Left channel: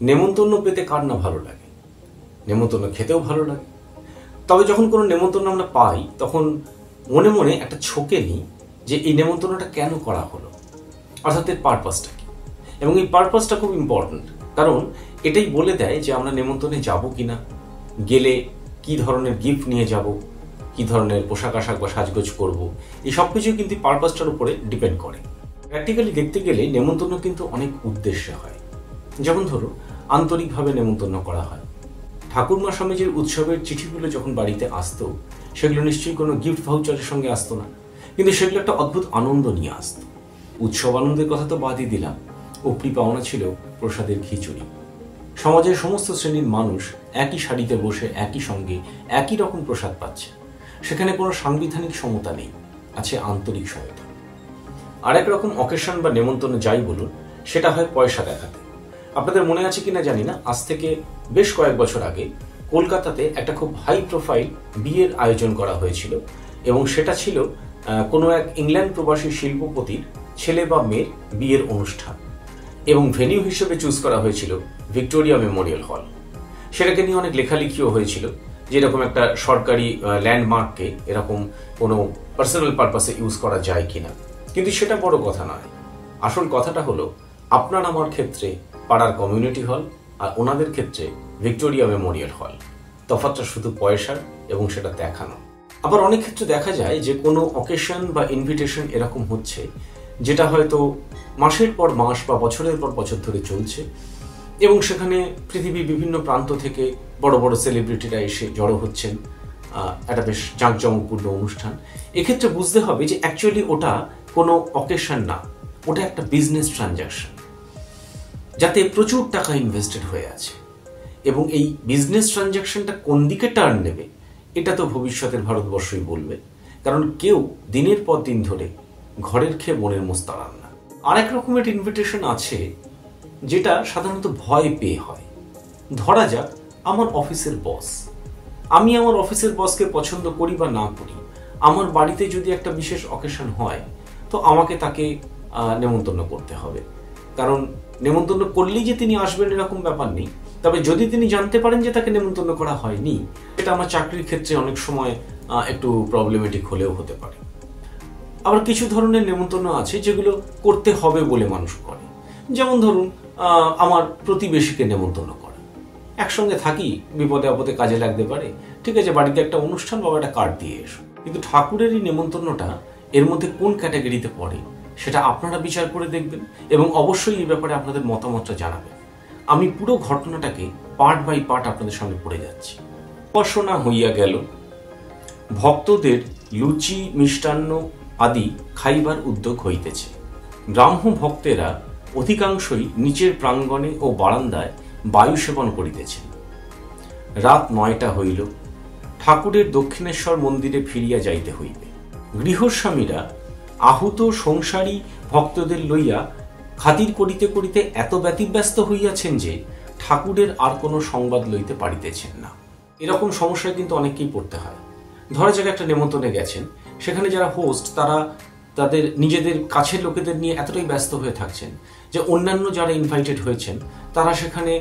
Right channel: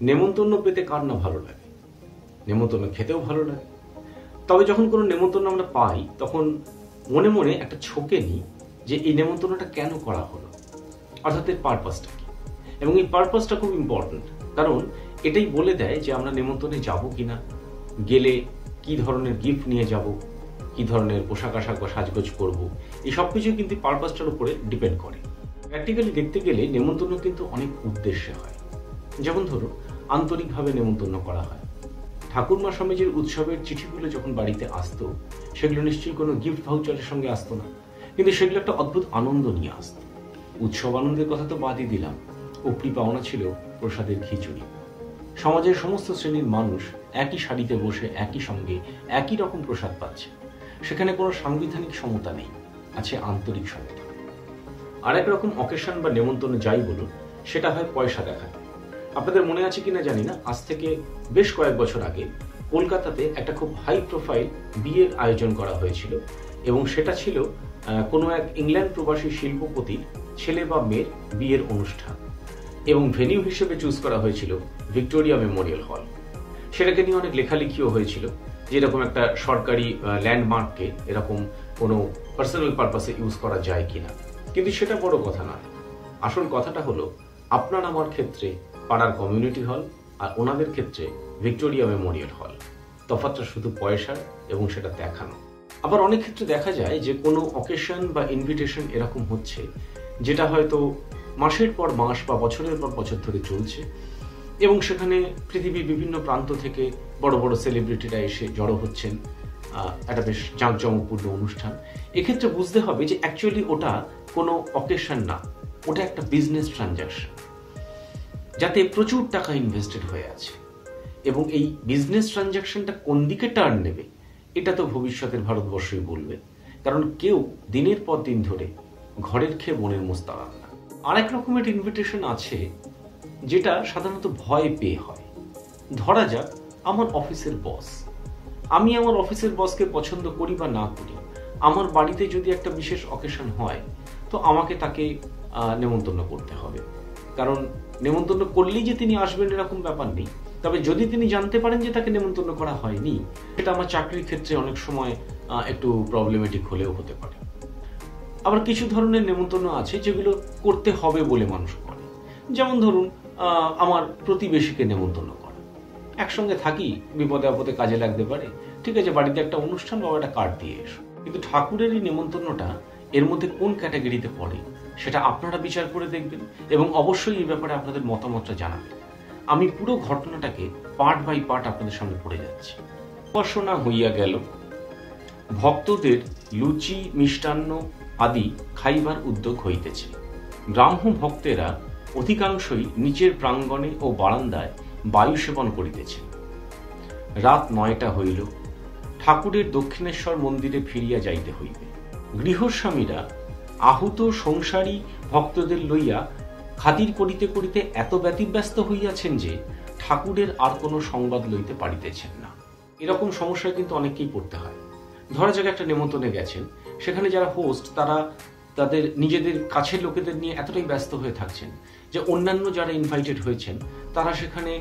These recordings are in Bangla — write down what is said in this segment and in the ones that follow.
নেমন্তন্ন পেতে কার না ভালো লাগে, নেমন্তন্ন খেতেও ভালো লাগে। তবে যখন কোনো নেমন্তন্ন আমরা পাই তখন মনে মনে একটা ছোকে নিই যে এই নেমন্তন্নটা কেন করা হলো, অর্থাৎ এর পারপাসটা কি। এবং এই পারপাসটা খুব ইম্পর্ট্যান্ট, কারণ এটাই বলে দেয় যে আমরা নেমন্তন্নে যাব কিনা, গেলে কি ধরনের গিফট নিয়ে যাব, কি ধরনের পোশাক আশাক বা সাজগোজ করব, এই সব কিছুই কিন্তু পারপাসটার উপরে ডিপেন্ড করে। প্র্যাকটিক্যালি দেখতে গেলে নেমন্তন্ন কিন্তু অনেক উদ্দেশ্যে হয়। যেমন ধরো, আন্তরিকভাবে নেমন্তন্ন করা হয়। ঠাকুরমা স্বামীজির উৎসবের চিঠিগুলো যখন বাড়িতে আসতো, সেগুলো নিশ্চয়ই কোনো গিফট ভাউচারের সঙ্গে আসতো না, কিন্তু সেগুলো একটা অদ্ভুত আনন্দ নিয়ে আসতো। উৎসব আনন্দের কথা তো বাদই দিলাম, উপরি পাওনা ছিল প্রসাদের খিচুড়ি। সমাজের সমস্ত শ্রেণীর মানুষ একই সারিতে বসে একই সঙ্গে একই রকম প্রসাদ পাচ্ছে। সেখানে কোনো সাংবিধানিক সমতা নেই, আছে আন্তরিক সমতা। আর এক রকম অকেশন বা নেমন্তন্ন যাই বলুন, সেটা হয় পয়সা দেখাতে। আপনাদের মনে আছে কিনা জানি না, আজ থেকে বেশ কয়েক বছর আগে কলকাতাতে একটা খুব হাই প্রোফাইল বিয়ের আয়োজন করা হয়েছিল, এবং সেটা ছিল কোনো এক ইংল্যান্ড প্রবাসী শিল্পপতির ছেলে বা মেয়ের বিয়ের অনুষ্ঠান, এবং ভেনিউ হিসেবে চুজ করা হয়েছিল ভিক্টোরিয়া মেমোরিয়াল হল। সেটাকে নিয়ে অনেক লেখালেখিও হয়েছিল, যেরকম একটা সরকারি ল্যান্ডমার্ককে এরকম কোনো পার্সোনাল পারপাসে ইউজ করা যায় কিনা। কিন্তু সেটা বড় কথা নয়। আসল কথাটা হলো, আপনার আমার ক্ষেত্রে পাড়ার কমিউনিটি হল, আর ওনাদের ক্ষেত্রে ভিক্টোরিয়া মেমোরিয়াল হল। তফাৎটা শুধু পয়সার এবং সেটা দেখানো। আবার অনেক ক্ষেত্রে দেখা যায় যে কোনো অকেশন বা ইনভিটেশন এরকম হচ্ছে, যেটা হয়তো মাসের পর মাস বা বছরের পর বছর ধরে চলছে, এবং সেখানে পৃথিবীর বিভিন্ন প্রান্ত থেকে বড় বড় সেলিব্রিটিরা এসে জড়ো হচ্ছেন। একটা বেশ জাঁকজমকপূর্ণ অনুষ্ঠান। এক্ষেত্রে বুঝতে হবে যে অ্যাকচুয়ালি ওটা কোনো অকেশন না, ওটা একটা বিজনেস ট্রানজাকশন, যাতে প্রচুর টাকা ইনভেস্টেড হয়ে আছে। এবং এই বিজনেস ট্রানজাকশনটা কোন দিকে টার্ন নেবে, এটা তো ভবিষ্যতের ভারতবর্ষই বলবে। কারণ কেউ দিনের পর দিন ধরে ঘরের খেয়ে মনের মোস্তারান না। আর এক রকমের ইনভিটেশন আছে, যেটা সাধারণত ভয় পেয়ে হয়। ধরা যাক, আমার অফিসের বস, আমি আমার অফিসের বসকে পছন্দ করি বা না করি, আমার বাড়িতে যদি একটা বিশেষ অকেশন হয়, তো আমাকে তাকে নেমন্তন্ন করতে হবে। কারণ নেমন্তন্ন করলেই যে তিনি আসবেন এরকম ব্যাপার নেই। তবে যদি তিনি জানতে পারেন যে তাকে নেমন্তন্ন করা হয়নি, এটা আমার চাকরির ক্ষেত্রে অনেক সময় একটু প্রবলেমেটিক হলেও হতে পারে। আবার কিছু ধরনের নেমন্তন্ন আছে যেগুলো করতে হবে বলে মানুষ করে। যেমন ধরুন, আমার প্রতিবেশীকে নেমন্তন্ন করা। একসঙ্গে থাকি, বিপদে আপদে কাজে লাগতে পারে, ঠিক আছে, বাড়িতে একটা অনুষ্ঠান বা একটা কার্ড দিয়ে এসো। কিন্তু ঠাকুরের এই নেমন্তন্নটা এর মধ্যে কোন ক্যাটাগরিতে পড়ে, সেটা আপনারা বিচার করে দেখবেন, এবং অবশ্যই এই ব্যাপারে আপনাদের মতামতটা জানাবেন। আমি পুরো ঘটনাটাকে পার্ট বাই পার্ট আপনাদের সামনে পড়ে যাচ্ছি। উপাসনা হইয়া গেল, ভক্তদের লুচি মিষ্টান্ন আদি খাইবার উদ্যোগ হইতেছে। ব্রাহ্ম ভক্তেরা অধিকাংশই নিচের প্রাঙ্গণে ও বারান্দায় বায়ু সেবন করিতেছেন। রাত 9টা হইল, ঠাকুরের দক্ষিণেশ্বর মন্দিরে ফিরিয়া যাইতে হইবে। গৃহস্বামীরা আহুত সংসারী ভক্তদের লইয়া খাতির করিতে করিতে এত ব্যতিব্যস্ত হইয়াছেন যে ঠাকুরের আর কোনো সংবাদ লইতে পারিতেছেন না। এরকম সমস্যায় কিন্তু অনেককেই পড়তে হয়। ধরা যাক একটা নেমন্তন্নে গেছেন, সেখানে যারা হোস্ট তারা তাদের নিজেদের কাছের লোকেদের নিয়ে এতটাই ব্যস্ত হয়ে থাকছেন যে অন্যান্য যারা ইনভাইটেড হয়েছেন তারা সেখানে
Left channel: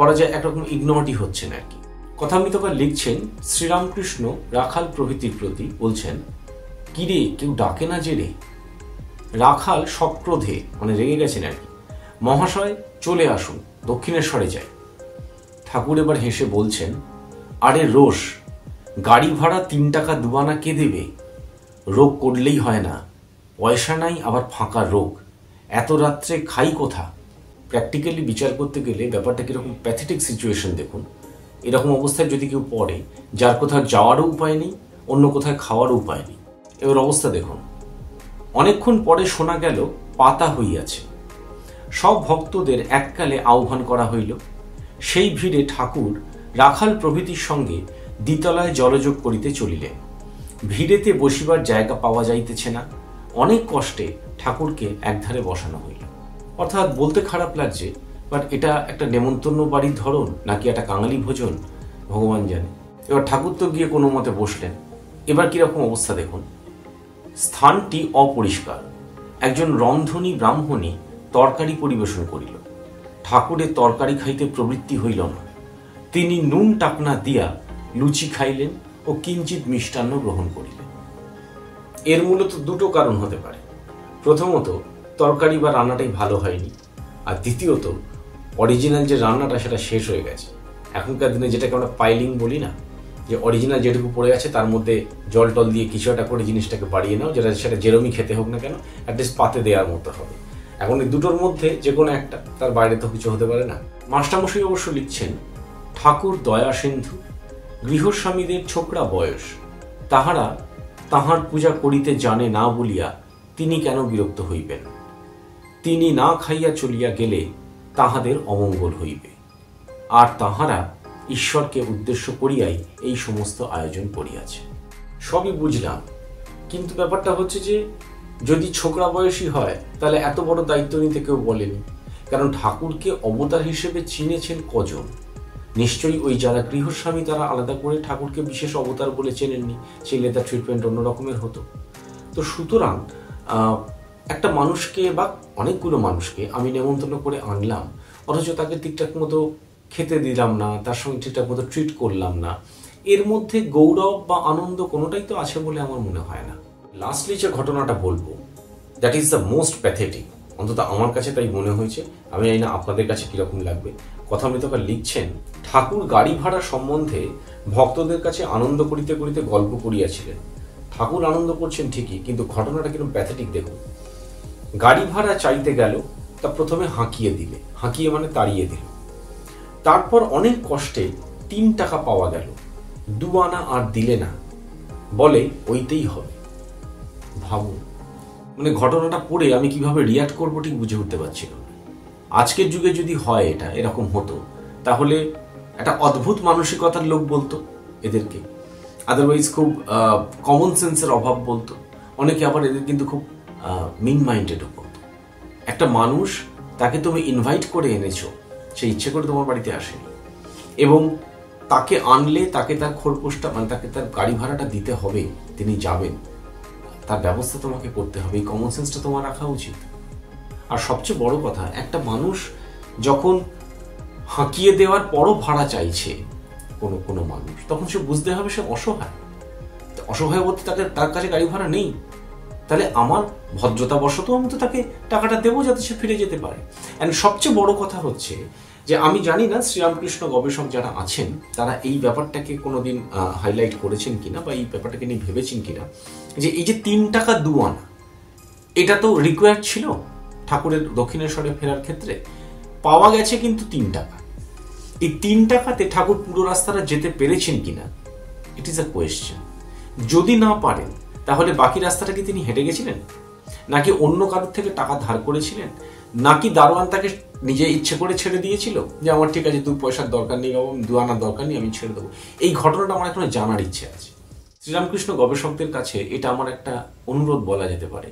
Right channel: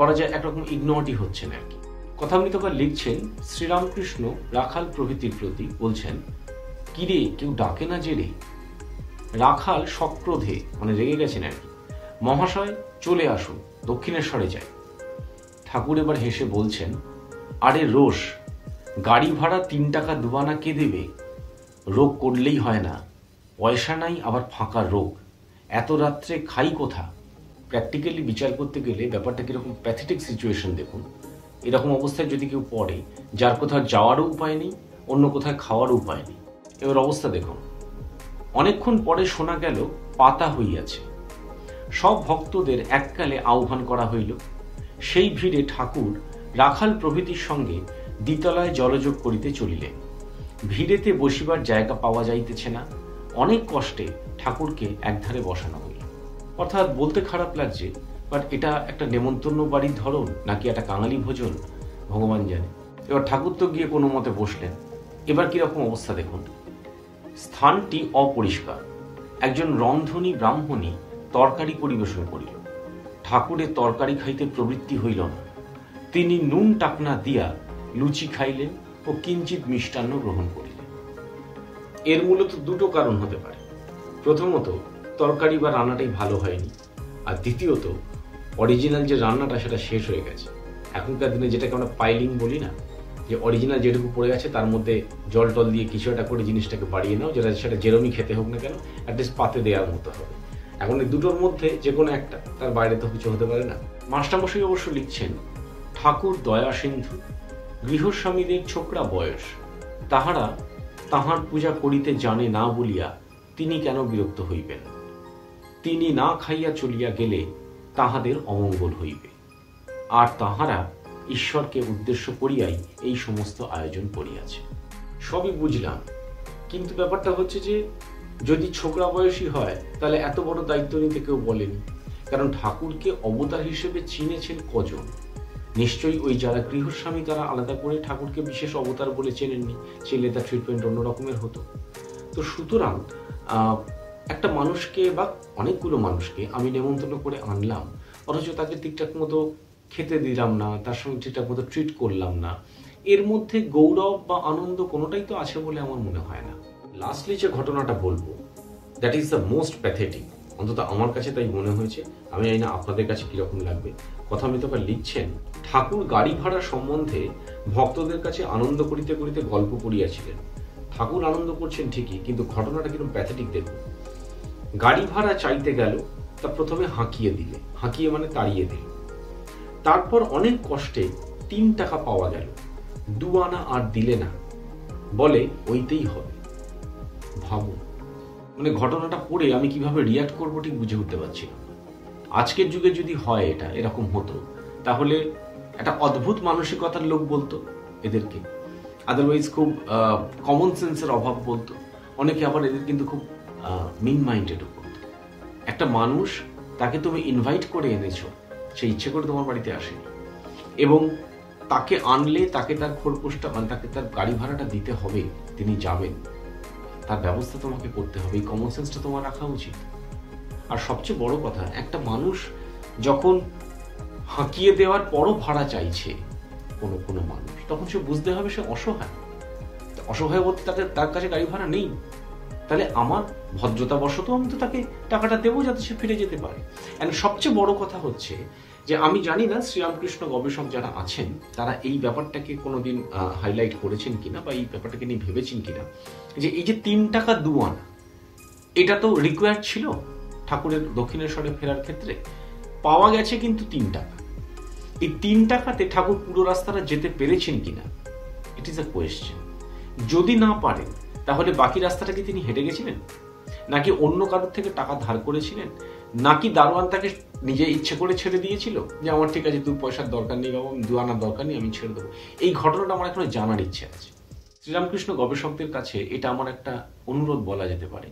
বলা যায় একরকম ইগনোরই হচ্ছেন আর কি। কথামৃতকার লিখছেন, শ্রীরামকৃষ্ণ রাখাল প্রভৃতির প্রতি বলছেন, কিরে কেউ ডাকে না যে রে। রাখাল সক্রোধে, মানে রেগে গেছেন আর কি, মহাশয় চলে আসুন, দক্ষিণেশ্বরে যাই। ঠাকুর এবার হেসে বলছেন, আরে রোষ, গাড়ি ভাড়া 3 টাকা দুবানা কে দেবে? রোগ করলেই হয় না, পয়সা নাই আবার ফাঁকা রোগ, এত রাত্রে খাই কোথা? প্র্যাকটিক্যালি বিচার করতে গেলে ব্যাপারটা কিরকম প্যাথেটিক সিচুয়েশন দেখুন। এরকম অবস্থায় যদি কেউ পড়ে, যার কোথাও যাওয়ারও উপায় নেই, অন্য কোথায় খাওয়ারও উপায় নেই, এবার অবস্থা দেখুন। অনেকক্ষণ পরে শোনা গেল পাতা হইয়াছে। সব ভক্তদের এককালে আহ্বান করা হইল। সেই ভিড়ে ঠাকুর রাখাল প্রভৃতির সঙ্গে দ্বিতলায় জলযোগ করিতে চলিলেন। ভিড়েতে বসিবার জায়গা পাওয়া যাইতেছে না। অনেক কষ্টে ঠাকুরকে একধারে বসানো হইল। অর্থাৎ বলতে খারাপ লাগছে, বাট এটা একটা নেমন্তন্ন বাড়ির ধরন নাকি একটা কাঙালি ভোজন ভগবান জানে। এবার ঠাকুর তো গিয়ে কোনো মতে বসলেন। এবার কিরকম অবস্থা দেখুন। স্থানটি অপরিষ্কার। একজন রন্ধনী ব্রাহ্মণী তরকারি পরিবেশন করিল। ঠাকুরের তরকারি খাইতে প্রবৃত্তি হইল না। তিনি নুন টাকনা দিয়া লুচি খাইলেন ও কিঞ্চিত মিষ্টান্ন গ্রহণ করিলেন। এর মূলত দুটো কারণ হতে পারে। প্রথমত, তরকারি বা রান্নাটাই ভালো হয়নি, আর দ্বিতীয়ত অরিজিনাল যে রান্নাটা সেটা শেষ হয়ে গেছে। এখনকার দিনে যেটাকে আমরা পাইলিং বলি না, যে অরিজিনাল যেটুকু পড়ে আছে তার মধ্যে জল টল দিয়ে কিছু একটা করে জিনিসটাকে বাড়িয়ে নাও, যেটা সেটা যেরমই খেতে হোক না কেন অ্যাটলিস্ট পাতে দেওয়ার মতো হবে। এখন এই দুটোর মধ্যে যে কোনো একটা, তার বাইরে তো কিছু হতে পারে না। মাস্টারমশাই অবশ্য লিখছেন, ঠাকুর দয়া সিন্ধু, গৃহস্বামীদের ছোকরা বয়স, তাহারা তাহার পূজা করিতে জানে না বলিয়া তিনি কেন বিরক্ত হইবেন? তিনি না খাইয়া চলিয়া গেলে তাহাদের অমঙ্গল হইবে, আর তাহারা ঈশ্বরকে উদ্দেশ্য করিয়াই এই সমস্ত আয়োজন করিয়াছে। সবই বুঝলাম, কিন্তু ব্যাপারটা হচ্ছে যে যদি ছোকরা বয়সী হয় তাহলে এত বড় দায়িত্ব নিতে কেউ বলেনি। কারণ ঠাকুরকে অবতার হিসেবে চিনেছেন কজন? নিশ্চয়ই ওই যারা গৃহস্বামী তারা আলাদা করে ঠাকুরকে বিশেষ অবতার বলে চেনেননি, ছেলে তার ট্রিটমেন্ট অন্য রকমের হতো। তো সুতরাং একটা মানুষকে বা অনেকগুলো মানুষকে আমি নেমন্তন্ন করে আনলাম, অথচ তাকে ঠিকঠাক মতো খেতে দিলাম না, তার সঙ্গে ঠিকঠাক মতো ট্রিট করলাম না, এর মধ্যে গৌরব বা আনন্দ কোনোটাই তো আছে বলে আমার মনে হয় না। লাস্টলি যে ঘটনাটা বলবো, that is the most pathetic, অন্তত আমার কাছে তাই মনে হয়েছে। আমি জানি না আপনাদের কাছে কিরকম লাগবে। কথামৃতকার লিখছেন, ঠাকুর গাড়ি ভাড়া সম্বন্ধে ভক্তদের কাছে আনন্দ করিতে করিতে গল্প করিয়াছিলেন। ঠাকুর আনন্দ করছেন ঠিকই, কিন্তু ঘটনাটা কিরকম প্যাথেটিক দেখুন। গাড়ি ভাড়া চাইতে গেল, তা প্রথমে হাঁকিয়ে দিলে, হাঁকিয়ে মানে তাড়িয়ে দিল। তারপর অনেক কষ্টে 3 টাকা পাওয়া গেল, 2 আনা আর দিলে না, বলে ওইতেই হবে। ভাবুন, মানে ঘটনাটা পড়ে আমি কিভাবে রিয়াক্ট করবো ঠিক বুঝে উঠতে পারছিল না। আজকের যুগে যদি হয় এটা এরকম হতো, তাহলে একটা অদ্ভুত মানসিকতার লোক বলতো এদেরকে, আদারওয়াইজ খুব কমন সেন্সের অভাব বলতো। অনেকে আবার এদের কিন্তু খুব মিন মাইন্ডেডও করতো। একটা মানুষ, তাকে তুমি ইনভাইট করে এনেছো, সে ইচ্ছে করে তোমার বাড়িতে আসেনি, এবং তাকে আনলে তাকে তার খোরপোশটা মানে তাকে তার গাড়ি ভাড়াটা দিতে হবে, তিনি যাবেন, তার ব্যবস্থা তোমাকে করতে হবে। এই কমন সেন্সটা তোমার রাখা উচিত। আর সবচেয়ে বড় কথা, একটা মানুষ যখন হাঁকিয়ে দেওয়ার পরও ভাড়া চাইছে কোনো মানুষ, তখন সে বুঝতে হবে সে অসহায়। অসহায় বলতে তার কাছে গাড়ি ভাড়া নেই, তাহলে আমার ভদ্রতাবশত আমি তো তাকে টাকাটা দেবো যাতে সে ফিরে যেতে পারে। অ্যান্ড সবচেয়ে বড় কথা হচ্ছে যে আমি জানি না শ্রীরামকৃষ্ণ গবেষক যারা আছেন তারা এই ব্যাপারটাকে কোনোদিন হাইলাইট করেছেন কিনা বা এই ব্যাপারটাকে নিয়ে ভেবেছেন কিনা, যে এই যে 3 টাকা 2 আনা, এটা তো রিকোয়ার্ড ছিল ঠাকুরের দক্ষিণেশ্বরে ফেরার ক্ষেত্রে। পাওয়া গেছে কিন্তু 3 টাকা। এই 3 টাকাতে ঠাকুর পুরো রাস্তাটা যেতে পেরেছেন কিনা, ইট ইজ আ কোয়েশ্চেন। যদি না পারেন, তাহলে বাকি রাস্তাটা কি তিনি হেঁটে গেছিলেন, নাকি অন্য কারোর থেকে টাকা ধার করেছিলেন, নাকি দারোয়ান তাকে নিজে ইচ্ছে করে ছেড়ে দিয়েছিল যে আমার ঠিক আছে 2 পয়সার দরকার নেই বাবা, 2 আনার দরকার নেই, আমি ছেড়ে দেবো? এই ঘটনাটা আমার এখনো জানার ইচ্ছে আছে। শ্রীরামকৃষ্ণ গবেষকদের কাছে এটা আমার একটা অনুরোধ বলা যেতে পারে,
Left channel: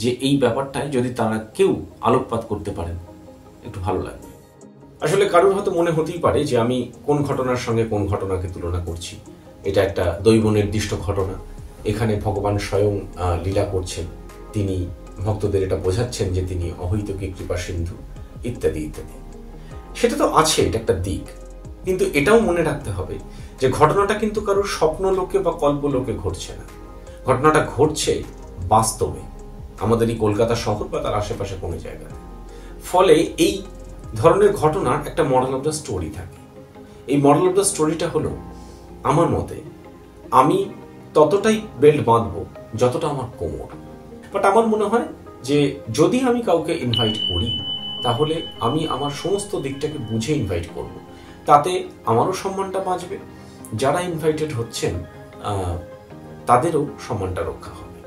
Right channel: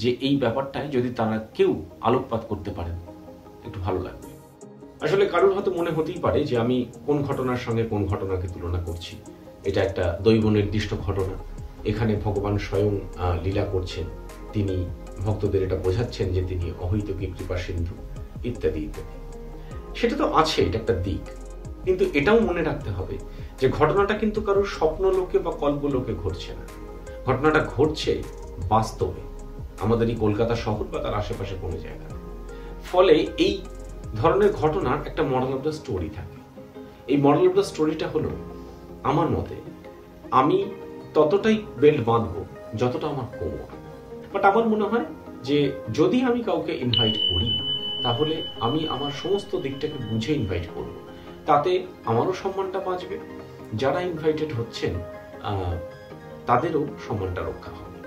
যে এই ব্যাপারটায় যদি তারা কেউ আলোকপাত করতে পারেন একটু ভালো লাগবে। আসলে কারোর হয়তো মনে হতেই পারে যে আমি কোন ঘটনার সঙ্গে কোন ঘটনাকে তুলনা করছি। এটা একটা দৈব নির্দিষ্ট ঘটনা, এখানে ভগবান স্বয়ং লীলা করছেন, তিনি ভক্তদের এটা বোঝাচ্ছেন যে তিনি অহৈতুকী কৃপা সিন্ধু ইত্যাদি ইত্যাদি। সেটা তো আছে, এটা একটা দিক, কিন্তু এটাও মনে রাখতে হবে যে ঘটনাটা কিন্তু কারোর স্বপ্ন লোকে বা কল্প লোকে ঘটছে না, ঘটনাটা ঘটছে বাস্তবে আমাদের এই কলকাতা শহর বা তার আশেপাশে কোনো জায়গায়। ফলে এই ধরনের ঘটনার একটা মডেল অফ দ্য স্টোরি থাকে। এই মডেল অফ দ্য স্টোরিটা হলো, আমার মতে আমি ততটাই বেল্ট বাঁধবো যতটা আমার কোমর। বাট আমার মনে হয় যে যদি আমি কাউকে ইনভাইট করি, তাহলে আমি আমার সমস্ত দিকটাকে বুঝে ইনভাইট করব, তাতে আমারও সম্মানটা বাঁচবে, যারা ইনভাইটেড হচ্ছেন তাদেরও সম্মানটা রক্ষা হবে।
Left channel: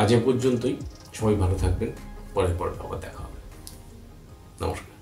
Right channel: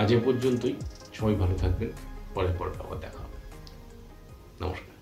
আজ এ পর্যন্তই, সবাই ভালো থাকবেন, পরের পর আবার দেখা হবে। নমস্কার।